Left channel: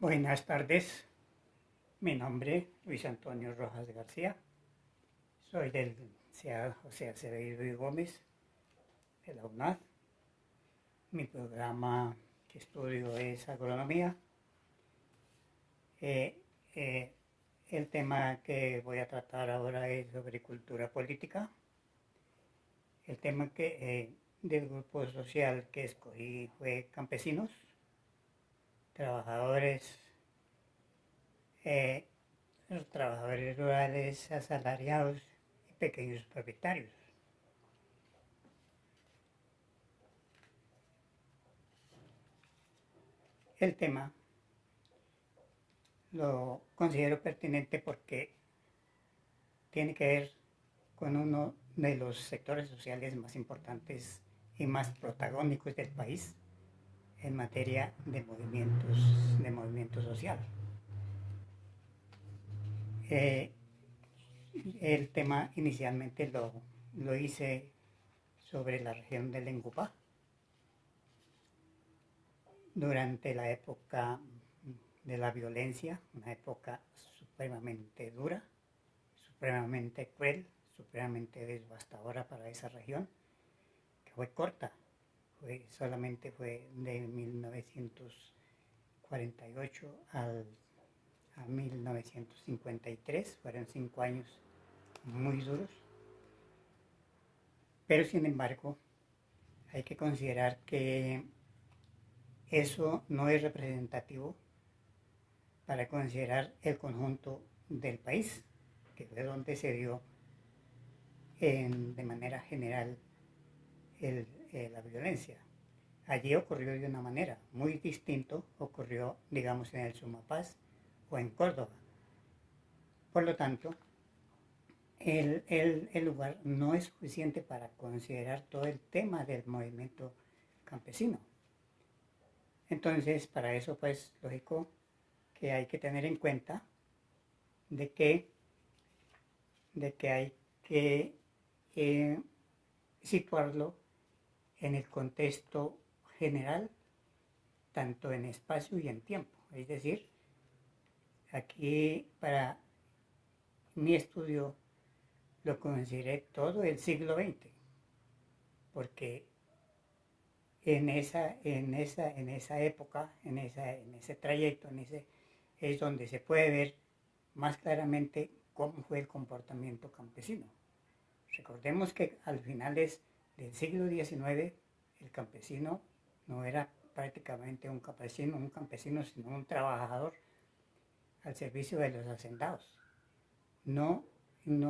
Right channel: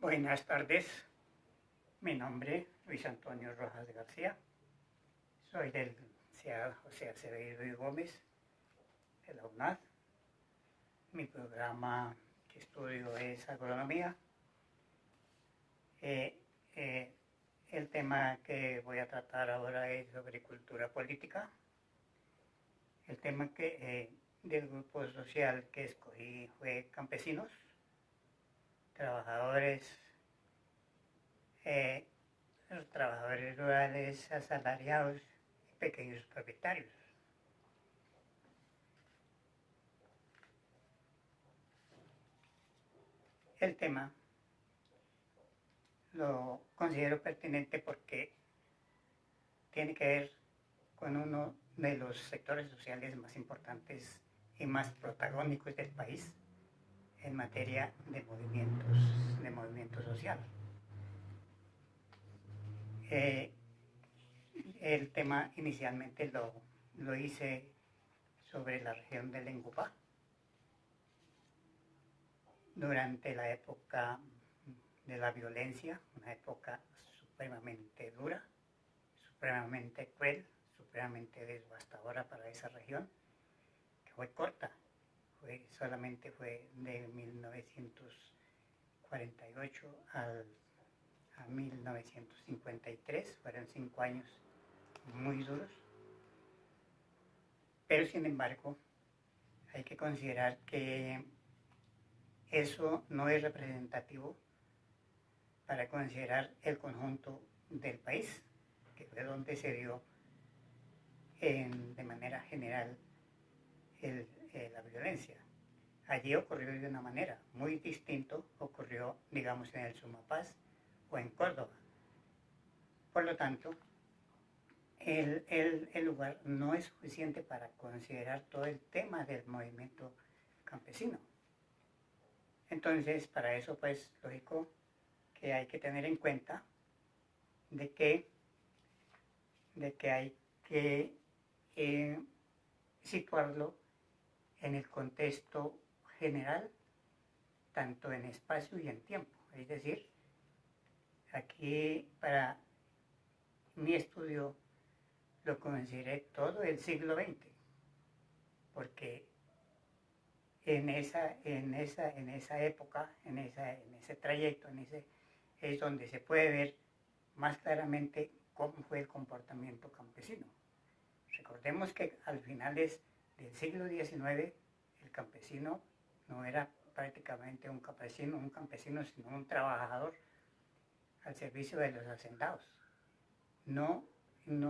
Buenas tardes, mi nombre es Luis Antonio Rojas García, soy del CEA José Acevedo y Gómez de la UNAD. Mi programa que estudio es agronomía. El tema que voy a tratar ahora es sobre cultura política. El tema del grupo social que escogí fue campesinos, trabajadores, los trabajadores rurales, asalariados y pequeños propietarios. El tema lo considero pertinente porque tiene que ver con uno de los sectores sociales más importantes y más protagónicos del país en materia de movimiento social. El tema inicialmente lo hice sobre la región del Ingupá. Durante la época de la violencia, una época supremamente dura, supremamente cruel, supremamente devastadora para esa región, que fue corta, solamente fue de 1948 a 1953, fueron 5 años muy duros, pero sin embargo hay que considerar que eso no es representativo para considerar el conjunto del país, que fue donde se dio de manera general la violencia. Allí ocurrió de una manera muy distinta, ocurrió, digamos, en el Sumapaz o en Córdoba. Por lo tanto, el lugar no es suficiente para considerar todo el tema del movimiento campesino. Entonces, para eso, pues, lógico que hay que tener en cuenta de que hay que situarlo en el contexto general, tanto en espacio y en tiempo. Es decir, aquí para mi estudio lo consideré todo el siglo XX, porque en esa época, en ese trayecto, es donde se puede ver más claramente cómo fue el comportamiento campesino. Recordemos que al finales del siglo XIX el campesino no era prácticamente un campesino, sino un trabajador al servicio de los hacendados. No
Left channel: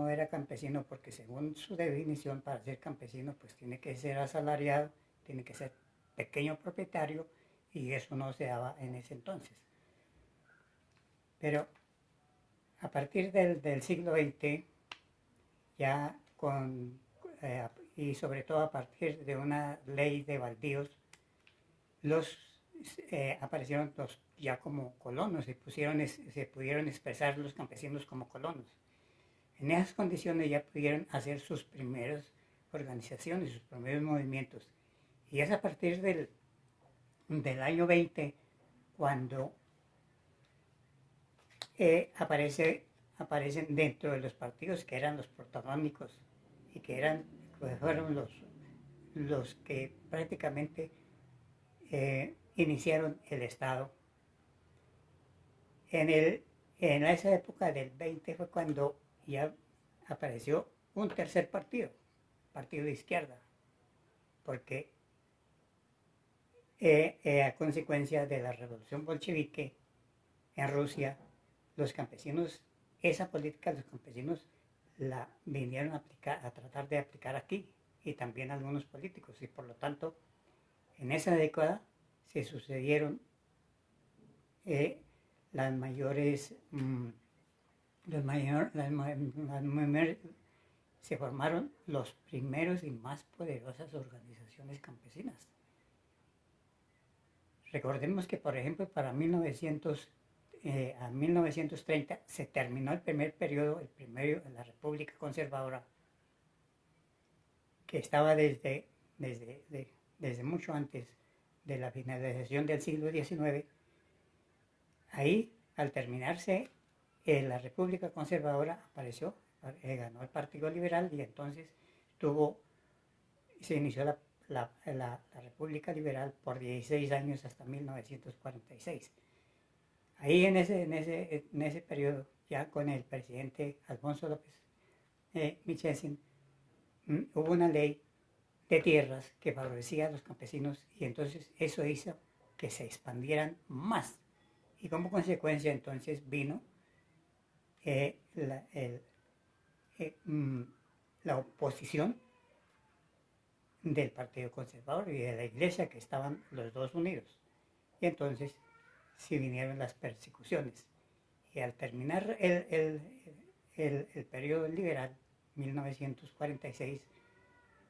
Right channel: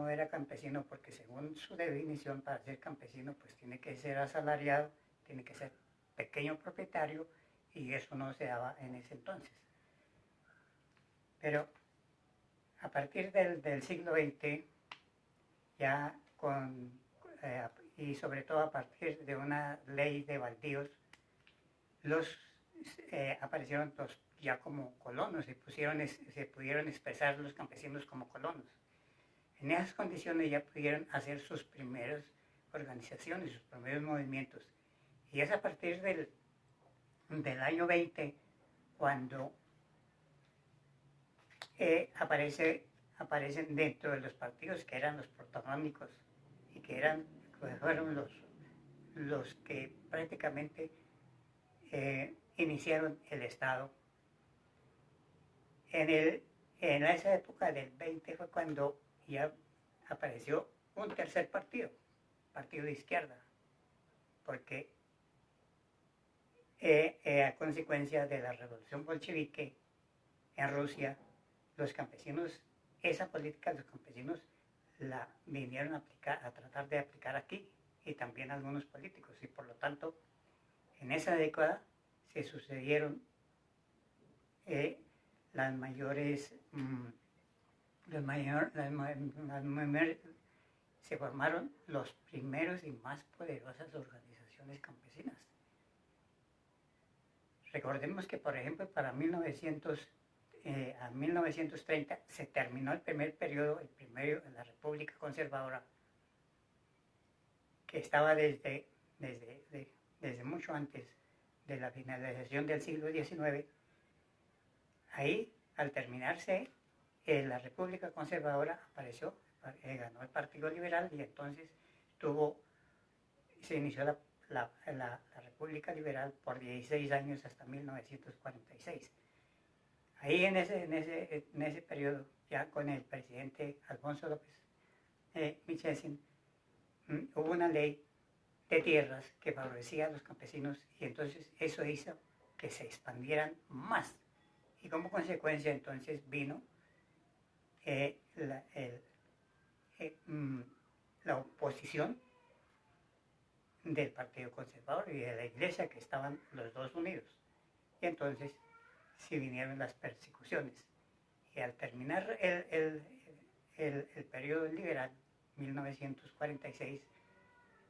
era campesino porque, según su definición, para ser campesino pues tiene que ser asalariado, tiene que ser pequeño propietario, y eso no se daba en ese entonces. Pero a partir del siglo XX, ya y sobre todo a partir de una ley de baldíos, aparecieron ya como colonos, se pudieron expresar los campesinos como colonos. En esas condiciones ya pudieron hacer sus primeras organizaciones, sus primeros movimientos. Y es a partir del año 20 cuando aparecen dentro de los partidos que eran los protagónicos y que fueron los que prácticamente iniciaron el Estado. En esa época del 20 fue cuando ya apareció un tercer partido de izquierda, porque a consecuencia de la revolución bolchevique en Rusia, los campesinos, esa política los campesinos la vinieron a tratar de aplicar aquí, y también algunos políticos, y por lo tanto en esa década se sucedieron se formaron los primeros y más poderosas organizaciones campesinas. Recordemos que, por ejemplo, para 1930 se terminó el primer periodo, el primero en la República Conservadora, que estaba desde mucho antes de la finalización del siglo XIX, Ahí, al terminarse la República Conservadora, apareció, ganó el Partido Liberal y entonces se inició la República Liberal por 16 años hasta 1946. Ahí en ese periodo, ya con el presidente Alfonso López Michelsen, hubo una ley de tierras que favorecía a los campesinos y entonces eso hizo que se expandieran más. Y como consecuencia entonces vino la oposición del Partido Conservador y de la Iglesia, que estaban los dos unidos. Y entonces sí vinieron las persecuciones. Y al terminar el periodo liberal, 1946,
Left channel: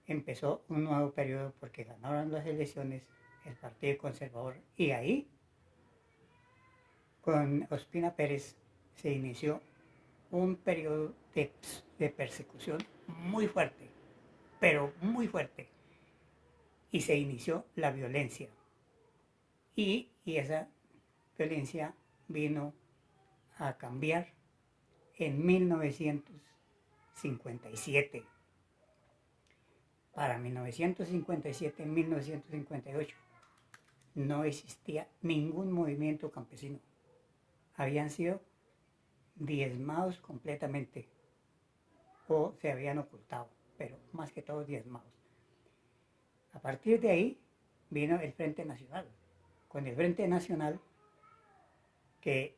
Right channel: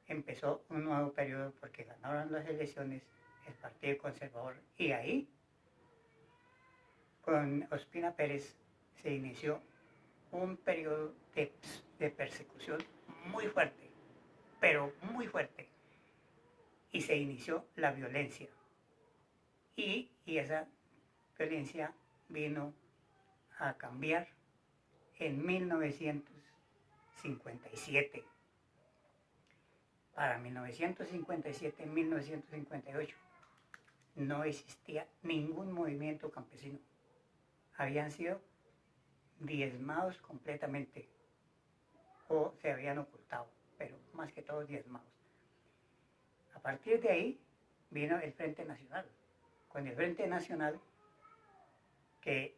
empezó un nuevo periodo porque ganaron las elecciones el Partido Conservador y ahí, con Ospina Pérez, se inició un periodo de persecución muy fuerte, pero muy fuerte, y se inició la violencia. Y esa violencia vino a cambiar en 1957. Para 1957, 1958, no existía ningún movimiento campesino. Habían sido diezmados completamente o se habían ocultado, pero más que todo diezmados. A partir de ahí vino el Frente Nacional. Con el Frente Nacional, que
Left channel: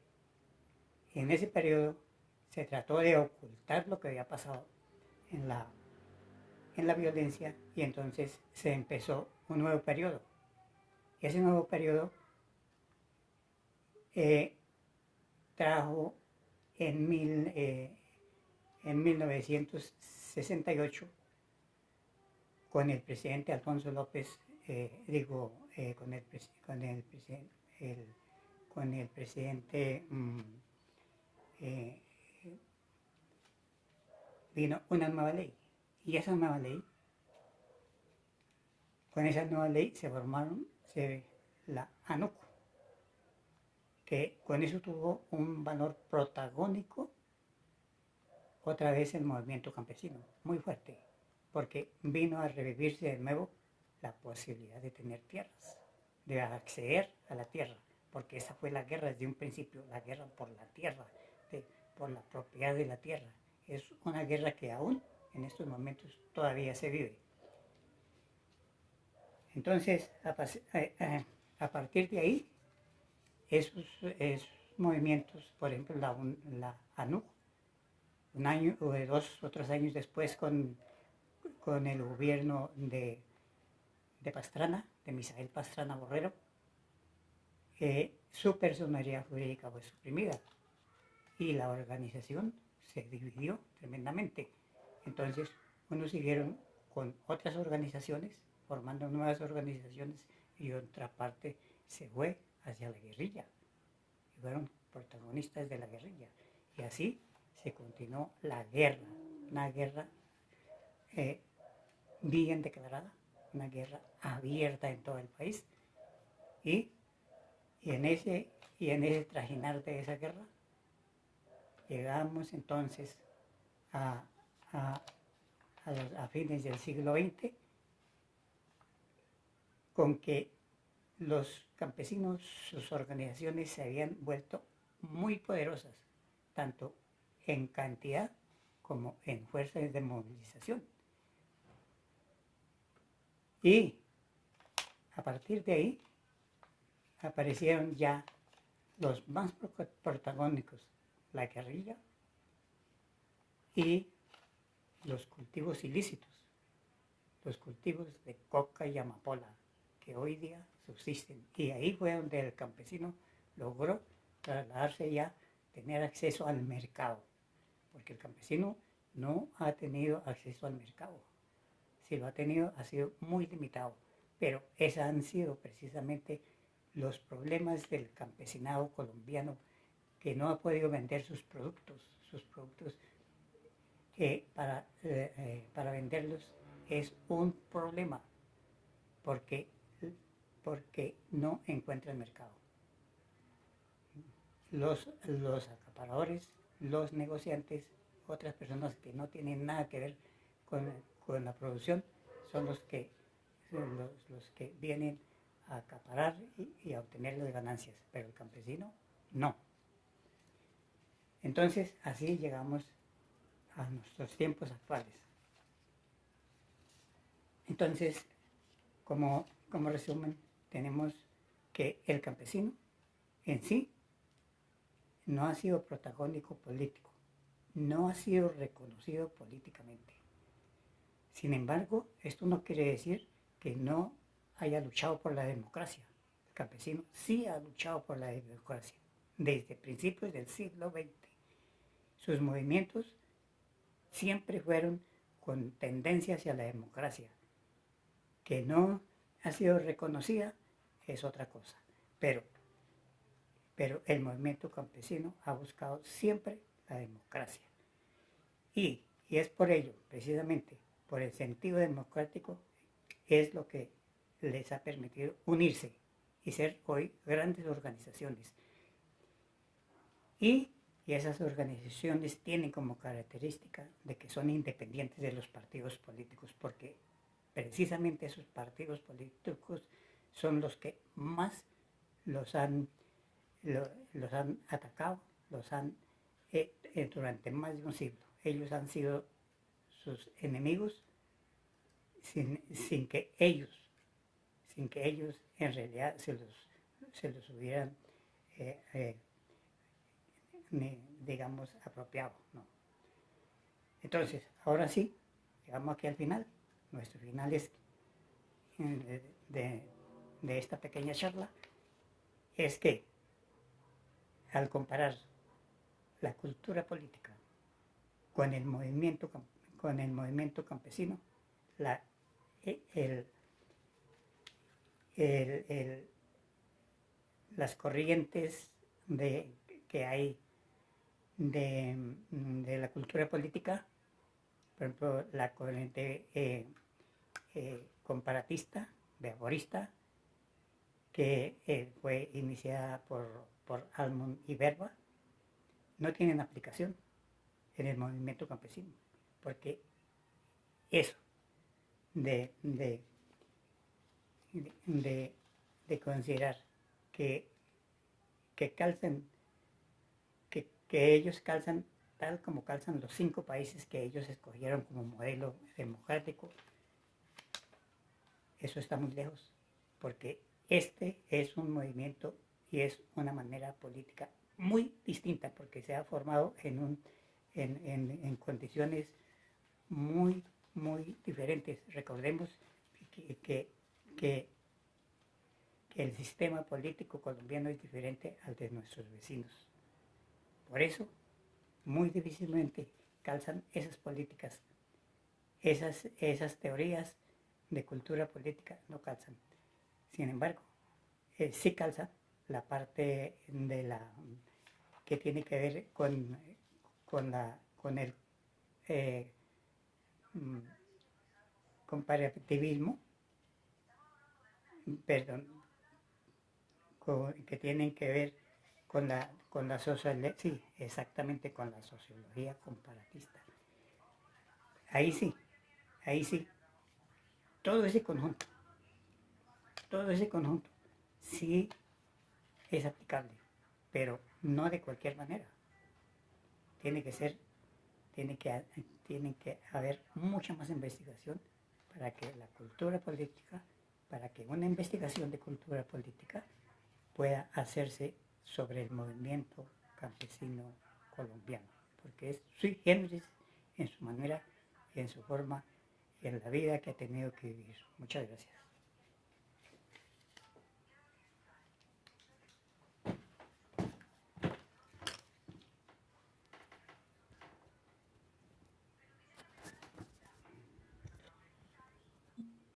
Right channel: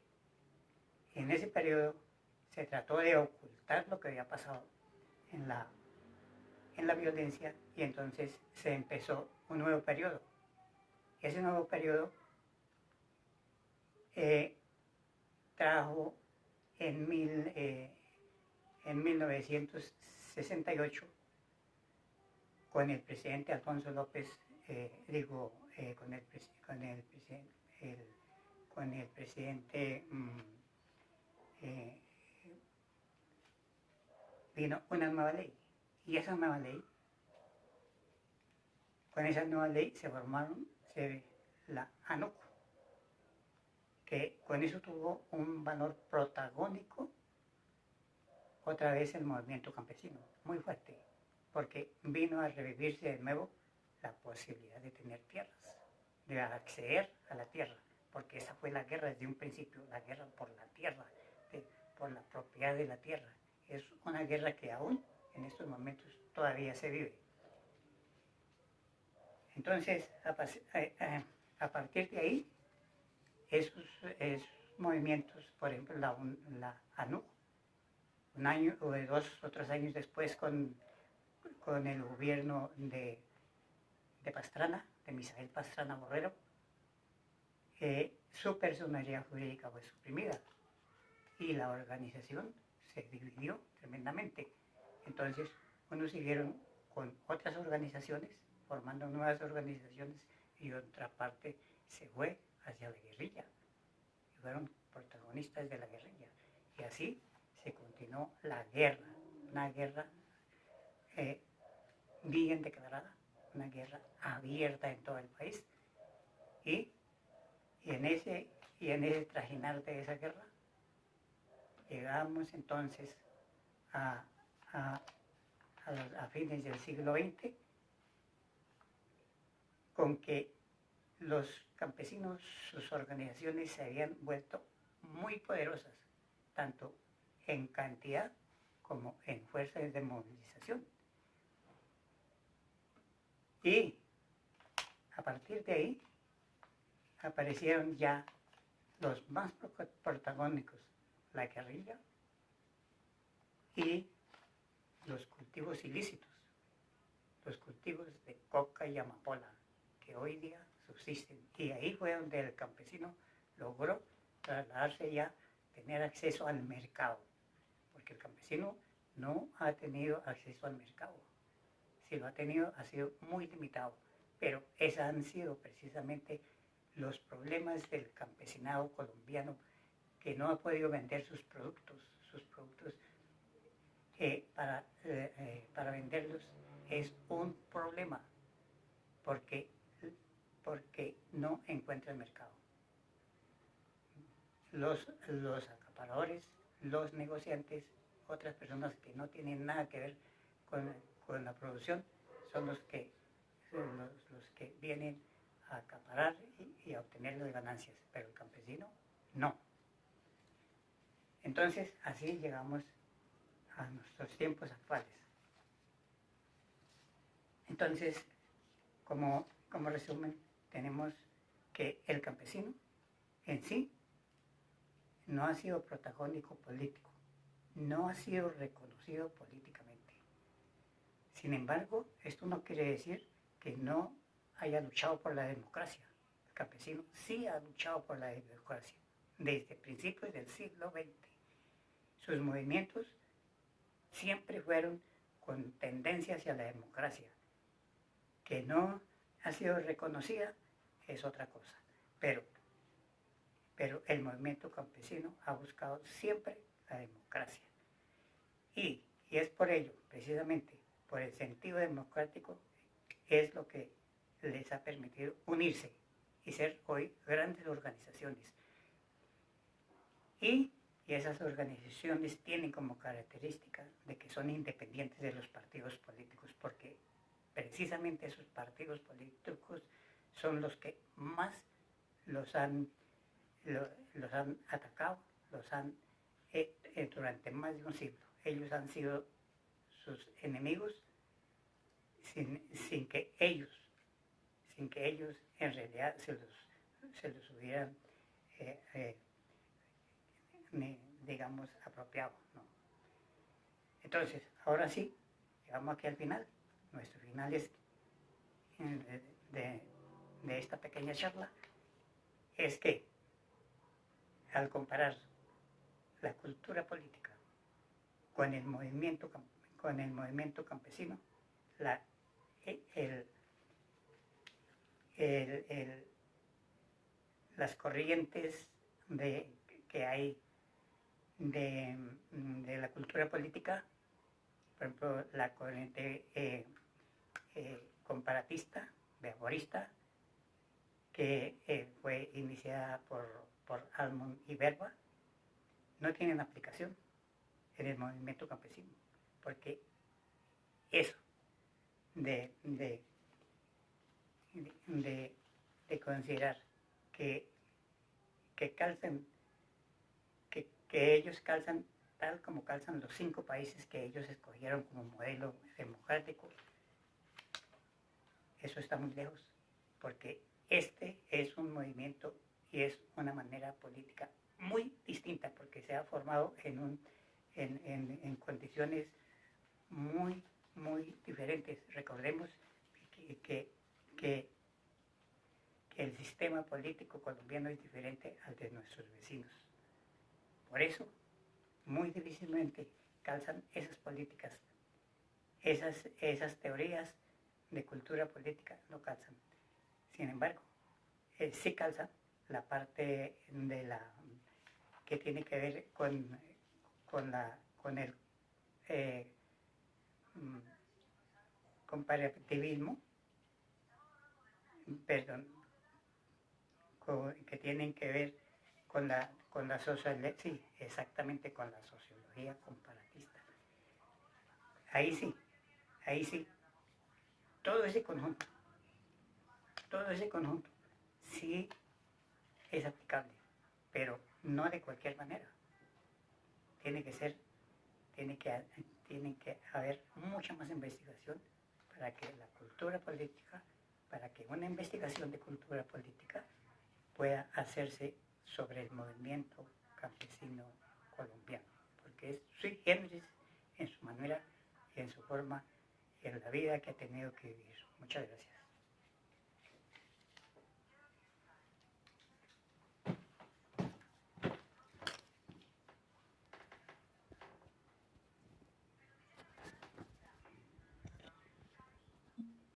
en ese periodo se trató de ocultar lo que había pasado en la violencia y entonces se empezó un nuevo periodo. Ese nuevo periodo trajo en 1968 con el presidente Alfonso López, con el presidente vino una nueva ley. Y esa nueva ley, con esa nueva ley se formaron la ANUC, que con eso tuvo un valor protagónico otra vez el movimiento campesino, muy fuerte, porque vino a revivirse de nuevo la posibilidad de tener tierras, de acceder a la tierra, porque esa fue la guerra desde un principio, la guerra por la tierra, por la propiedad de la tierra. Es una guerra que aún en estos momentos todavía se vive. Entonces, a partir de ahí, esos movimientos, por ejemplo, la ANUC, un año o 2 o 3 años después con el gobierno de Pastrana, de Misael Pastrana Borrero, su personalidad jurídica fue suprimida y la organización se dividió tremendamente. Entonces, unos siguieron con otras organizaciones, formando nuevas organizaciones, y otra parte se fue hacia la guerrilla. Y fueron protagonistas de la guerrilla. Y así se continuó la guerra, una guerra bien declarada, una guerra abierta en todo el país. Y en ese trajinar de esa guerra, llegamos entonces a fines del siglo XX, con que los campesinos, sus organizaciones se habían vuelto muy poderosas, tanto en cantidad como en fuerzas de movilización. Y a partir de ahí aparecieron ya los más protagónicos, la guerrilla y los cultivos ilícitos, los cultivos de coca y amapola, que hoy día subsisten. Y ahí fue donde el campesino logró trasladarse ya, tener acceso al mercado, porque el campesino no ha tenido acceso al mercado. Si lo ha tenido, ha sido muy limitado, pero esos han sido precisamente los problemas del campesinado colombiano, que no ha podido vender sus productos para venderlos es un problema, porque no encuentra el mercado. los acaparadores, los negociantes, otras personas que no tienen nada que ver con la producción, son los que vienen a acaparar y a obtener las ganancias, pero el campesino no. Entonces, así llegamos a nuestros tiempos actuales. Entonces, como resumen, tenemos que el campesino en sí no ha sido protagónico político, no ha sido reconocido políticamente. Sin embargo, esto no quiere decir que no haya luchado por la democracia. El campesino sí ha luchado por la democracia desde principios del siglo XX. Sus movimientos siempre fueron con tendencia hacia la democracia. Que no ha sido reconocida es otra cosa, pero el movimiento campesino ha buscado siempre la democracia. Y es por ello, precisamente, por el sentido democrático, es lo que les ha permitido unirse y ser hoy grandes organizaciones. Y esas organizaciones tienen como característica de que son independientes de los partidos políticos, porque precisamente esos partidos políticos son los que más los han atacado, durante más de un siglo. Ellos han sido sus enemigos sin que ellos en realidad se los hubieran, digamos, apropiado, ¿no? Entonces, ahora sí, llegamos aquí al final. Nuestro final es de esta pequeña charla es que al comparar la cultura política con el movimiento campesino, las corrientes que hay de la cultura política, por ejemplo, la corriente comparatista, behaviorista, que fue iniciada por Almond y Verba, no tienen aplicación en el movimiento campesino, porque eso de considerar que ellos calzan tal como calzan los 5 países que ellos escogieron como modelo democrático, eso está muy lejos, porque este es un movimiento y es una manera política muy distinta, porque se ha formado en condiciones muy, muy diferentes. Recordemos que el sistema político colombiano es diferente al de nuestros vecinos. Por eso, muy difícilmente calzan esas políticas, esas teorías de cultura política no calzan. Sin embargo, sí calza la parte que tiene que ver con el comparativismo, que tienen que ver con la sociología, sí, exactamente con la sociología comparatista. Ahí sí, todo ese conjunto sí es aplicable, pero no de cualquier manera. Tiene que haber mucha más investigación para que una investigación de cultura política pueda hacerse sobre el movimiento campesino colombiano, porque es sui generis en su manera, en su forma y en la vida que ha tenido que vivir. Muchas gracias.